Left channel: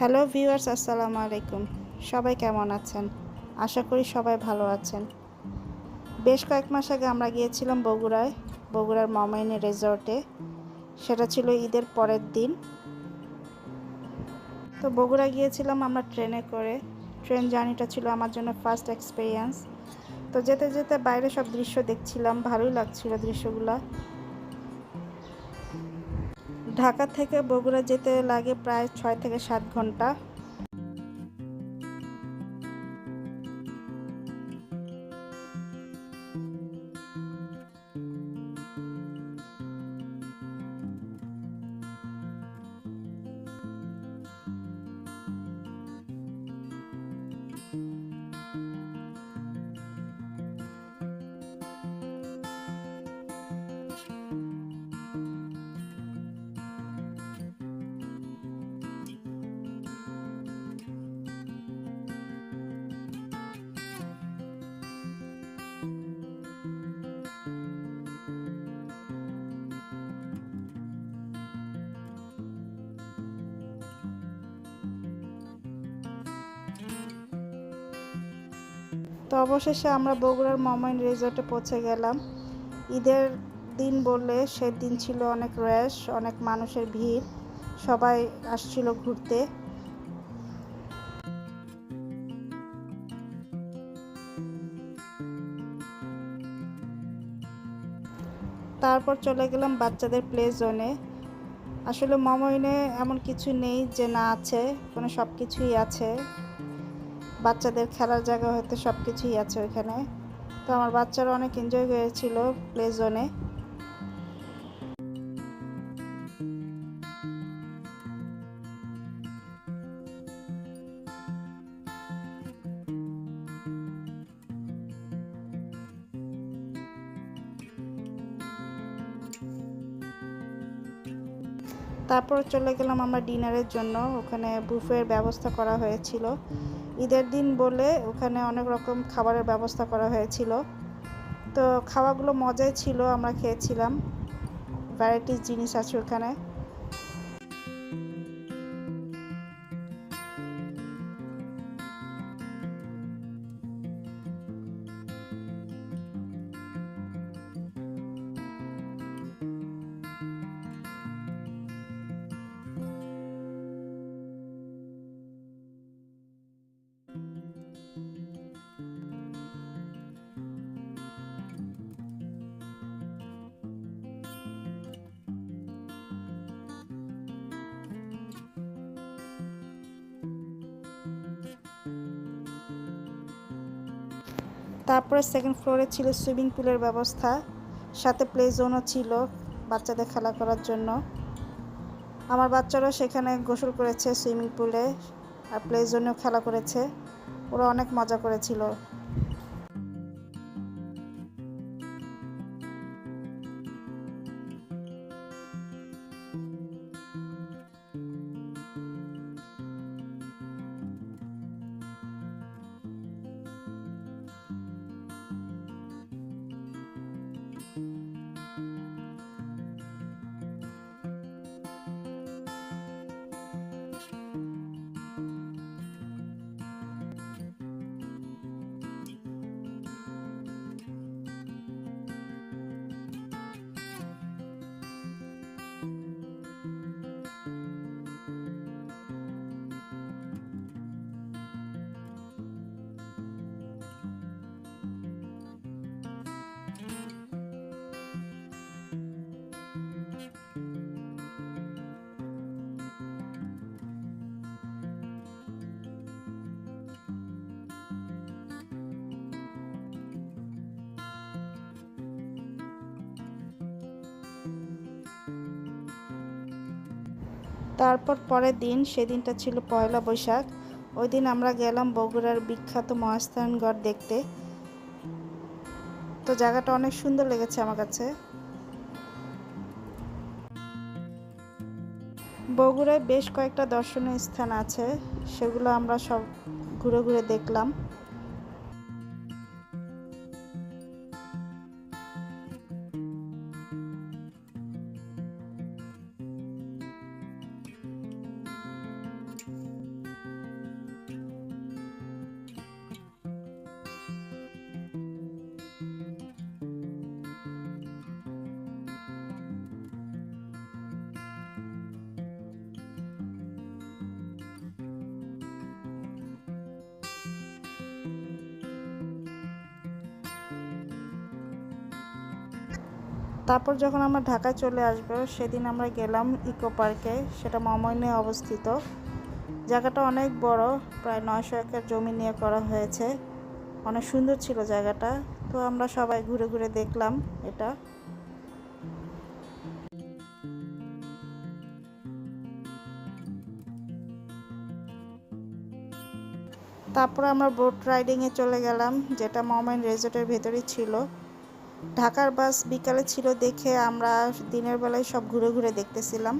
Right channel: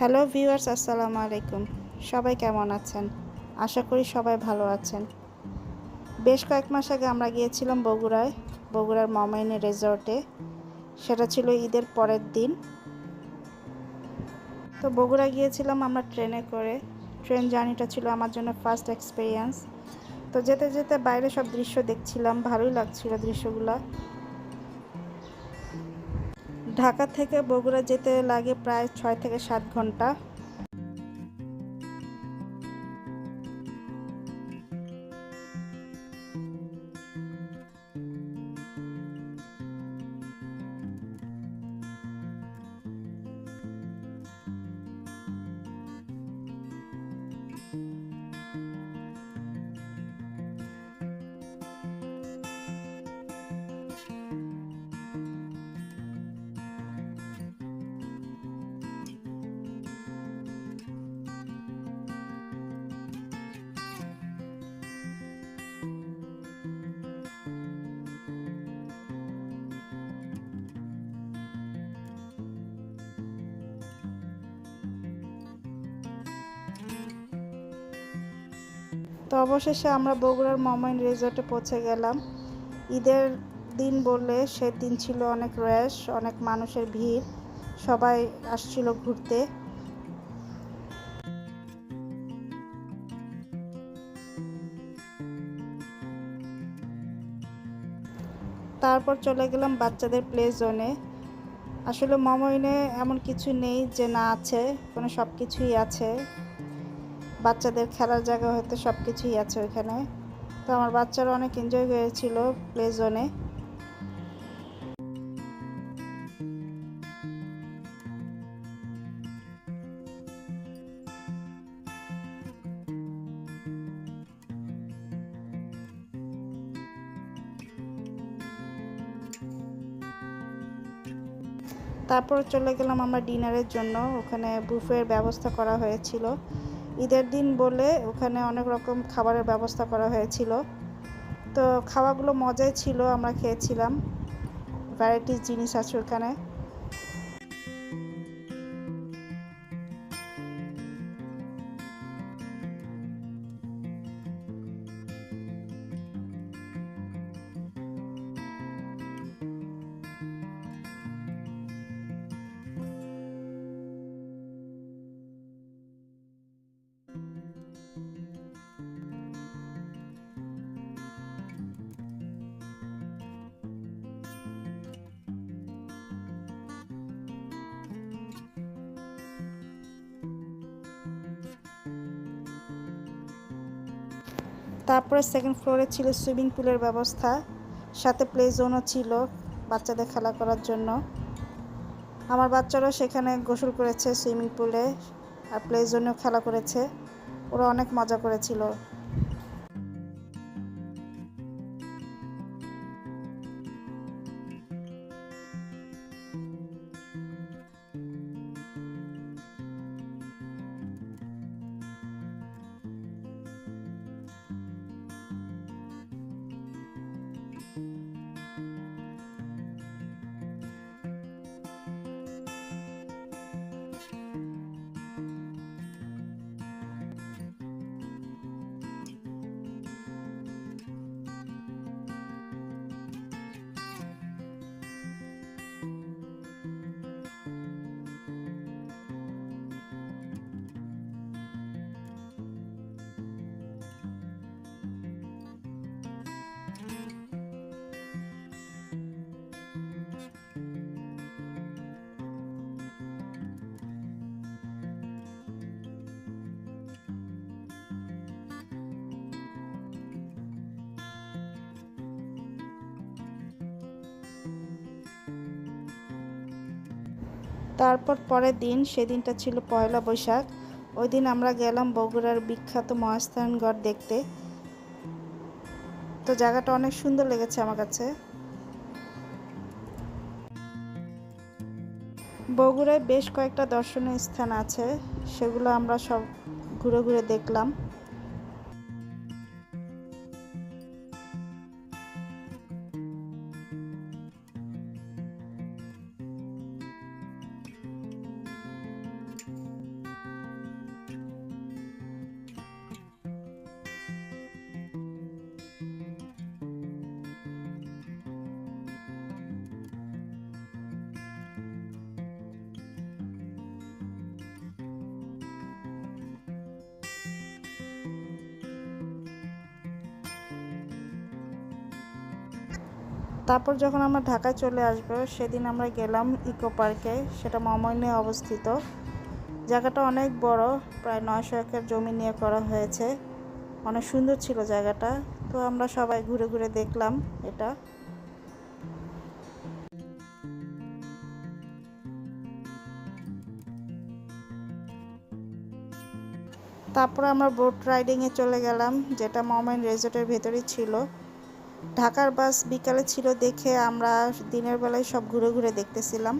Hello viewers, আসসালামু আলাইকুম। সবাই কেমন আছেন? আশা করি সবাই ভালো আছেন। বেশ কয়েক মাস আগে আমরা গিয়েছিলাম বগুড়ার মমাইনে রিসর্টে। সেটা ছিল ঈদের পরের দিন। তো বগুড়া গিয়েছিলাম আমরা ট্রেনে করে। ট্রেন জার্নিটা ছিল আমার জন্য ফার্স্ট এক্সপিরিয়েন্স। তো যেতে যেতে বাইরে সব দৃশ্য দেখছিলাম, ভালোই লাগছিল দৃশ্যগুলা। ঢাকা থেকে বগুড়া যেতে লাগে প্রায় 6 থেকে 7 ঘন্টা। তো অবশেষে আমরা বগুড়ার মমাইন রিসর্টে পৌঁছে গেলাম। ঈদের দিন বললে সেদিন ছিল অনেক রশ, অনেক মানুষের ভিড়, সবাই আসছিল ঘুরতে। তারপর চলে গেলাম বাচ্চাদের প্লে জোনে। আসলে মমাইনে এমন কিছু নেই যে না আছে, মানে সব কিছুই আছে। বাচ্চাদের খেলার জায়গা হয়তো সব কিছুই আছে ওইখানে। তো আমার বাচ্চারা অনেক এনজয় করেছিল প্লে জোনে। তারপর চলে গেলাম আমরা ডিনারের জন্য। ওখানে বুফের ব্যবস্থা করা হয়েছিল। ঈদের দিন বলে ওখানে অনেক রকম খাবারের ব্যবস্থা করা হয়েছিল। তো খাওয়াগুলো মজাই ছিল, আমরা খেয়েছিলাম। ভ্যারাইটিস জিনিস আছে ওখানে। তারপরে সেকেন্ড ফ্লোরে ছিল সুইমিং পুলের ব্যবস্থা, সাথে প্লে জোনও ছিল বাচ্চাদের খেলা করার জন্য। আমার বাচ্চারাও সেখানে গোসল করেছে সুইমিং পুলে, আর প্লে জোনেও খেলা করেছে। ওরা অনেক মজা করেছিল। তারপর পরের দিন, সেদিনটা ছিল পয়লা বৈশাখ। ওই দিন আমরা গেলাম বগুড়ার বিখ্যাত মহাস্থানগড় দেখতে। তো জায়গাটা অনেক সুন্দর লেগেছে আমার কাছে। বগুড়ায় বেশ কয়েকটা দর্শনীয় স্থান আছে, সেগুলো আমরা সব ঘুরে ঘুরে দেখলাম। তারপর যখন আমরা ঢাকায় চলে আসবো সেদিন আমরা গেলাম ইকো পার্কে, সেটা মমইনে অবস্থিত। জায়গাটা অনেক বড়, প্রায় 900 একর জমি নিয়ে করা হয়েছে। অনেক সুন্দর ছিল জায়গাটা। তো আমরা সবাই ঘুরে ঘুরে দেখলাম এটা। তারপর আমরা বোট রাইডিংয়ে চলে গেলাম, যেটা মমইন রিসোর্টের ভেতরেই ছিল। ঢাকার বাস বিকালে ছিল দেখে আমরা দিনের বেলায় সব ঘুরে ঘুরে দেখতেছিলাম।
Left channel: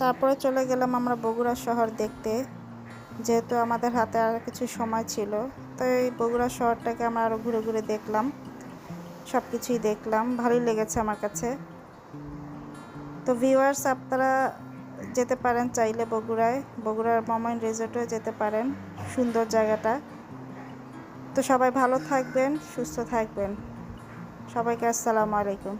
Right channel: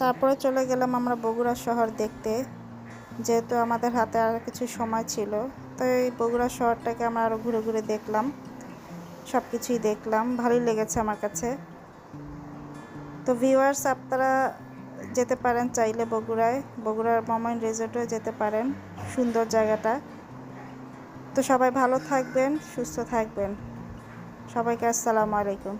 তারপরে চলে গেলাম আমরা বগুড়া শহর দেখতে, যেহেতু আমাদের হাতে আর কিছু সময় ছিল। তো এই বগুড়া শহরটাকে আমরা আরও ঘুরে ঘুরে দেখলাম, সব কিছুই দেখলাম, ভালোই লেগেছে আমার কাছে। তো ভিউয়ার্স, আপনারা যেতে পারেন চাইলে বগুড়ার মমইন রিসোর্টেও যেতে পারেন, সুন্দর জায়গাটা। তো সবাই ভালো থাকবেন, সুস্থ থাকবেন। সবাইকে আসসালামু আলাইকুম।